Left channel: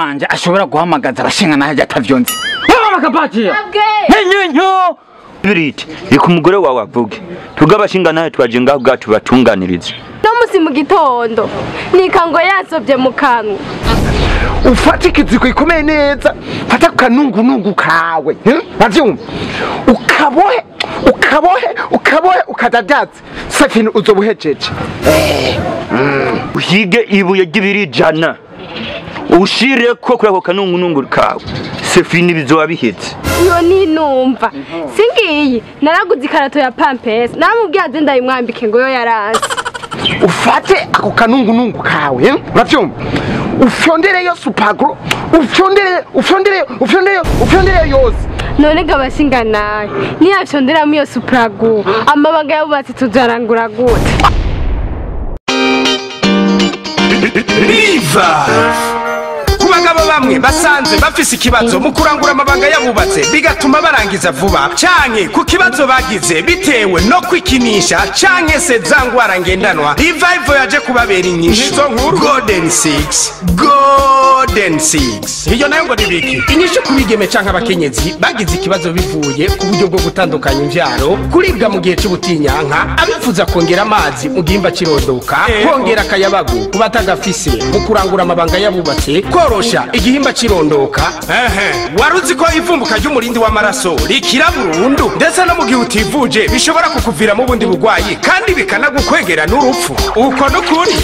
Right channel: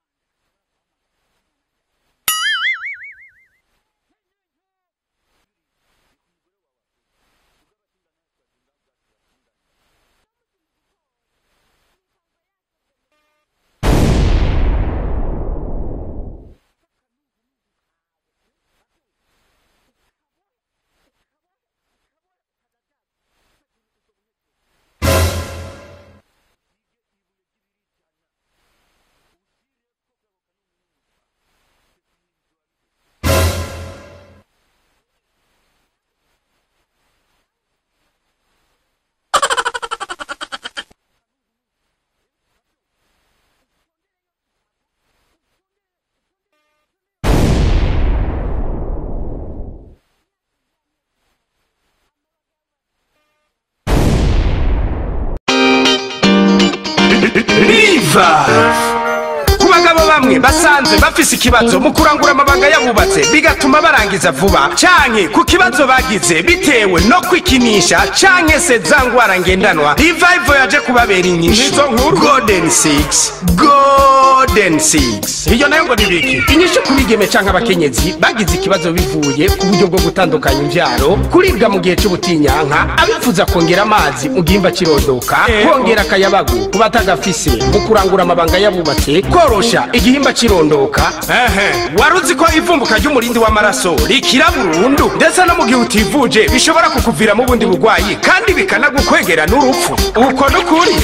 wanje ashobora guhamagaza abashinga naje atavyonze mama kapatia nyenyo biriti iko umugore wawe avuge tugabashinga naje twaje ngaho gacu batunganiriza no musi mu gitondo nikango yasovye mu kanwa ufate ikiziko ikomeye neza fata kanungu kawe bavyumva ukabohe ukadadaza safini uzobuhejeje uhige ibuye ry'ibijana ushire ko kurako kanungu kawe safini bizoba bihetse yo ninumva singiyi naraguze ikarato ya pampers naramubwiye ade ndayimwambike ngo yo yaranze ufate ako kanungu kawe bavyumva ufyondere yo supagro ufyondere yose none gabashinga naye niyafyondera mu yo supagro amabanga yabubatse tujarangura gute Viva kubagabo bamwe basanze bafise ikibazo mu kurangura amabanga yabubatse bigatuma barangiza vuba canke ku kibazo bagize bitewe no kwikinisha canke se zangwara ngendanwa Revival yaje kubabera inyishu Golden 6 iyo nayo ngo nibiki inyishu kubigeme canke abakenyezi bagize ikibazo bivuye ku buryo bwo gutandukanya imvyaro kuribwa mu gihe c'ubutinyanka abifuza kongera amazi mu gihimba cirondoka kongera akayabagu kubatagafise mu kurangura amabanga yabubatse korosha igihimba cirondoka waruzi ko ivumbuka ry'umurindi w'amaraso rikira burundu ndetse no mu gihe utivuje bishobora kukuvira mu bundi bugwayi kandi bikanagukwegera n'urupfu uko nukuri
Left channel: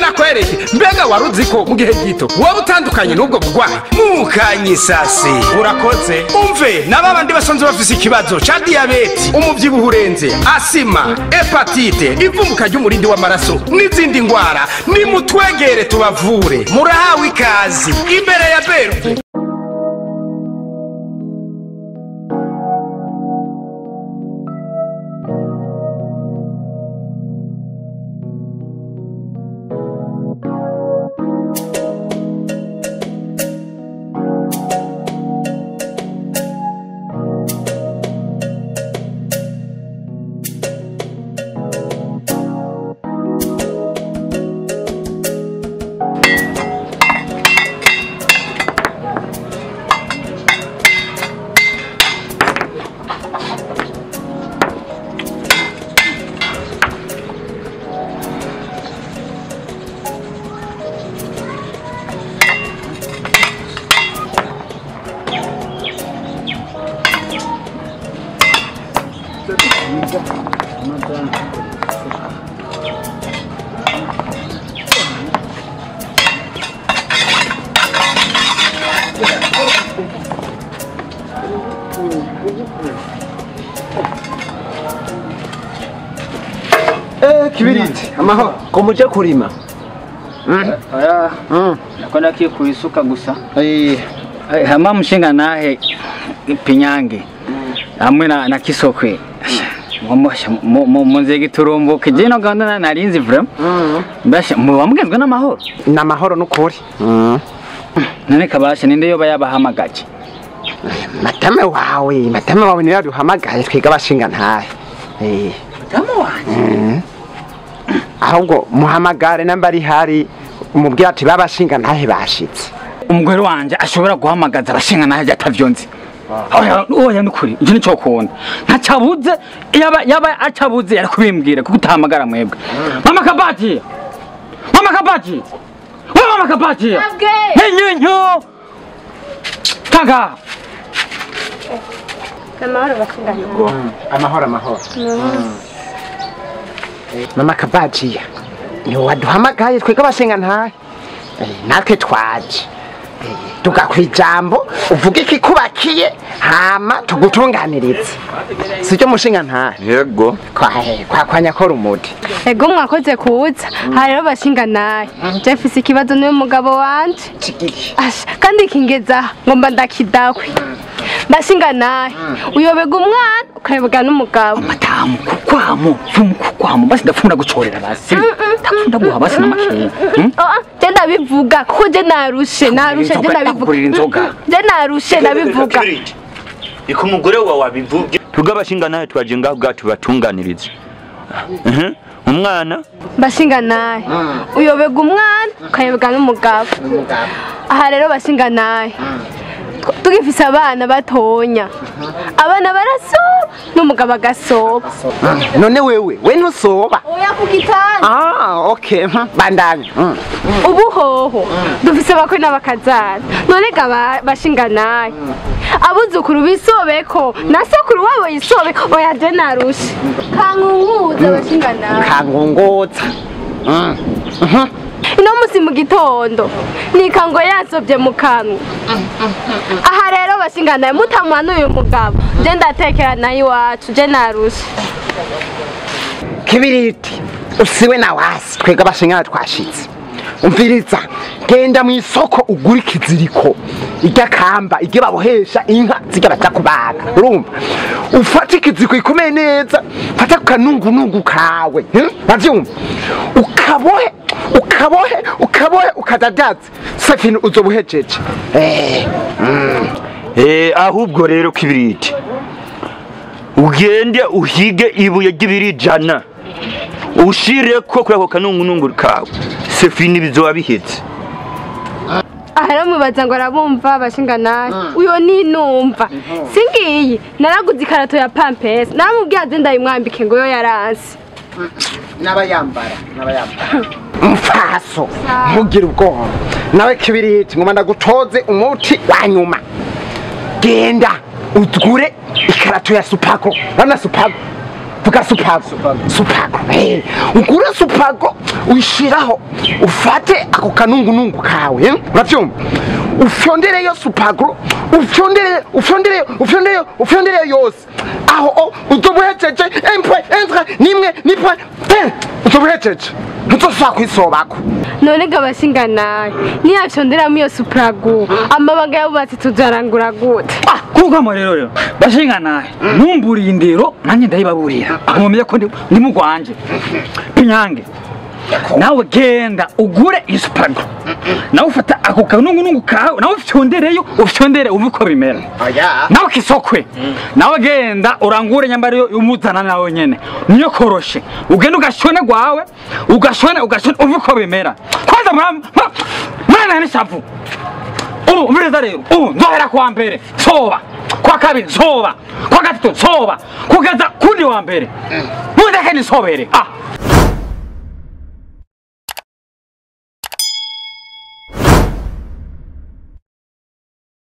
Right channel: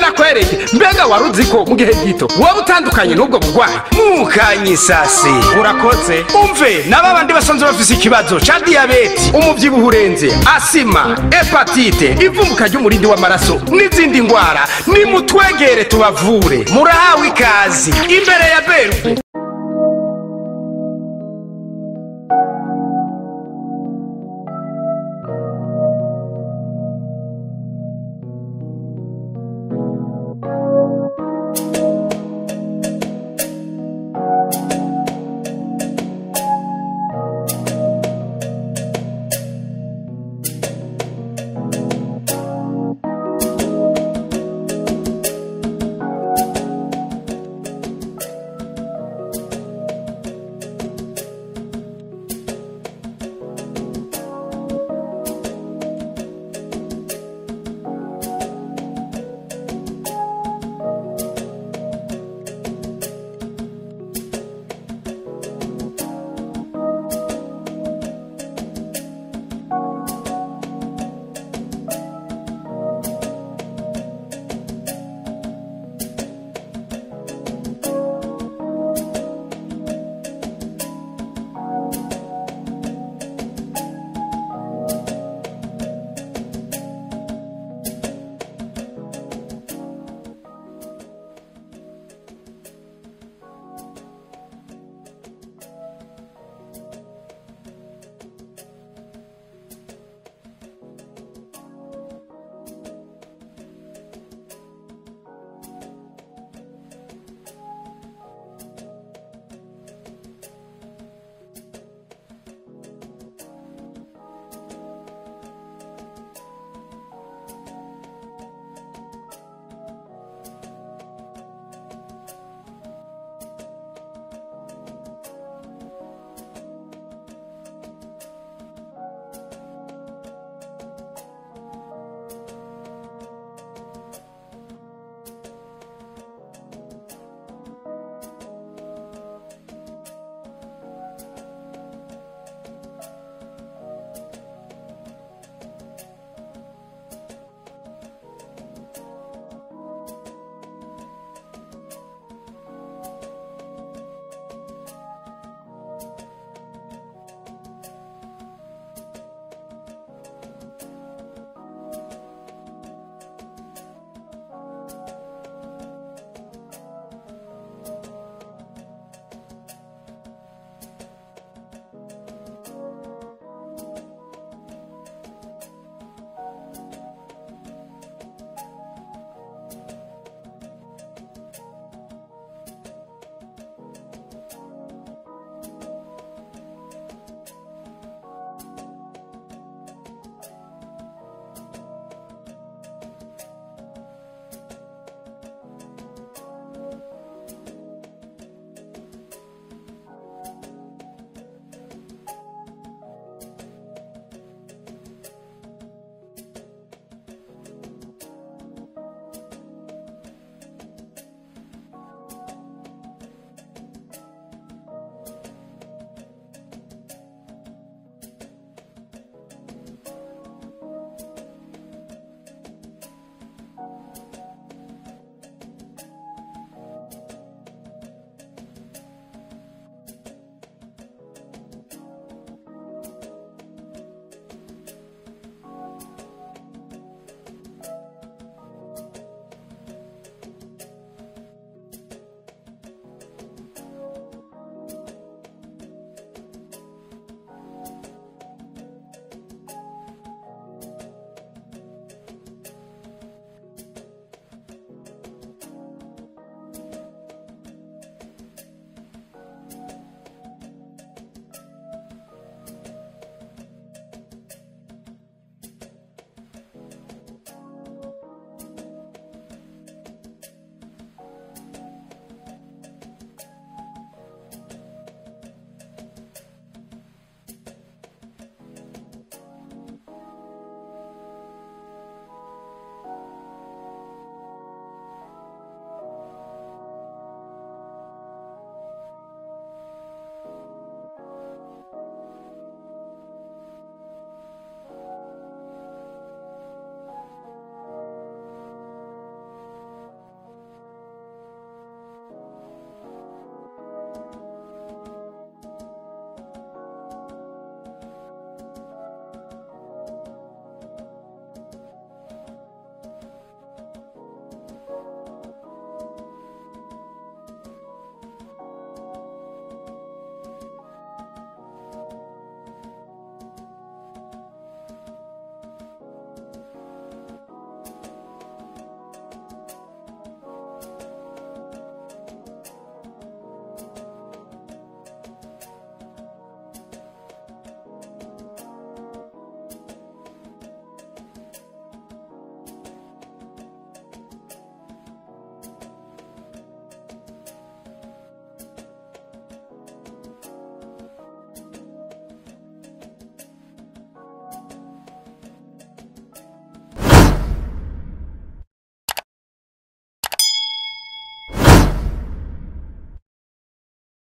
nakwereke mbega waruzi ko mu gihe gito waba utandukanye n'ubwo bugwayi mukanyisase urakoze umve n'abandi basanze bafise ikibazo ca diabete umuvyibuho urenze asima hepatite ivumbuka ry'umurindi w'amaraso n'izindi ngwara nimutwegere tubavure murahawe ikazi imbere ya Berube kibiriti amaho ko muje kurima aya nakona kiye kuisuka gusa hama mushinga nahe pinyange hamwe na kisokwe munze giturumbuke je no ganda narinzi vraiment basha mubamugezwe n'amahoro n'ukuri none kabasha ninde yoba yabahamagaje matame wawe ni yaduhamagaye twiga bashinga ntahe matame wanje ahubwo muhamagare nambari hari umubwira ati babashinga ntahe bashitse umugore wanje ashobora guhamagaza abashinga naje atavyonze oya nukuri ije nico kubona ntacabuze yaba acabuze yarakubimbwira kuko utahamagara mwebwe mama kabati mama kabati nyenyo taga amahoro mama kabati ni waduhamagaye twega bashinga ntahe natwe twaje tugakwijambo uvuga iki kubakiye hama tugutunganiriza sicyo mushinga ntahe yego kwa nyakora umuti ego mwakoze kuza hariho bashinga naye jefise ikibazo n'uyu mugabo wanje kandi kingeza ngomba ndakidakwe bashinga naye uyobega umwana ukarebega n'umugabo madamu kukwamo basi ndafunda gucorera basi ndafunda guha basi n'amakeya je ndabivuga kuko je narushe je ndabivuga iko umugore wawe wabivuge tugabashinga nawe twaje ngaho gacu batunganiriza umwana bashinga naye uyobega umwana ukayobega n'umugabo aha rero bashinga naye tugifise abana batonya abana barasoba n'umugabo agasoba none wewe we ntusoba oya kugitana okay bandanye ubu hoho dufise abakwe n'abakazana none ga bashinga naye abuzukuru bisobeko na sokuru wabo yisobe oya je narushe kangunguza bashinga naye kangunguza ino musi mu gitondo nikango yasobye mu kanwa aha rero bashinga naye mutamwana uyu mugabo je ndatekera naye iwacu je narushe kibiriti usiwe na wasi twega bashinga twashitse umviriza genda mu isoko ugura ikiziriko ijya kamba ijye babohesha inka zijya baca kubaga urumva ufata ikiziriko ikomeye neza fata kanungunungu kawe bavyumva ukabohe ukadadaza safini uzobuhejeje ahubwo rero kibiriti ugende uhige ibuye ry'ibiri100 ushireko kuri ako kanungunungu kawe sefini bizoba bihetse ahera mubaza ngo arabumva bashinga naye uyo ninumva singiyi naraguze ikarato ya pampers naramubwiye aze ndayimwambike ngo yo yaransi n'abayambara mfaso ntugire ubwoba nawe kibiriti ngoma ndagutoze umuti wa nyuma genda utgure ikarato ya supako bana supako vuga supako ugure supako uyishiraho ufate ako kanungunungu kawe uravyumva ufyondere yo supako ufyondere yose aho uzobuhejeje nimwe uzobuhejeje ntuzosubira kwisobako none ga bashinga naye niyafyonderamo iyo suparagu amabanga yabubatse tuzarangura gute kugamo rero bashinga naye ntumburiye indero nanjye ndayibaburira nkumye ko ndi mu Rwanje pinyange nawe genda ugure isuparagu nawe ufata ako kanungunungu kawe nawe ufyondere uve uko bimera nawe kisokwe nawe genda urangure nyambari umuzana nawe nyene niyo koroshe ugenda ugashone gwawe ugashone uve uko bimera kwanza mwana nishavu umviriza rero nzohera kwa mbere soba kwa kabiri soba kwa gatatu soba kugeza kundi wa mbere mundeke nisobere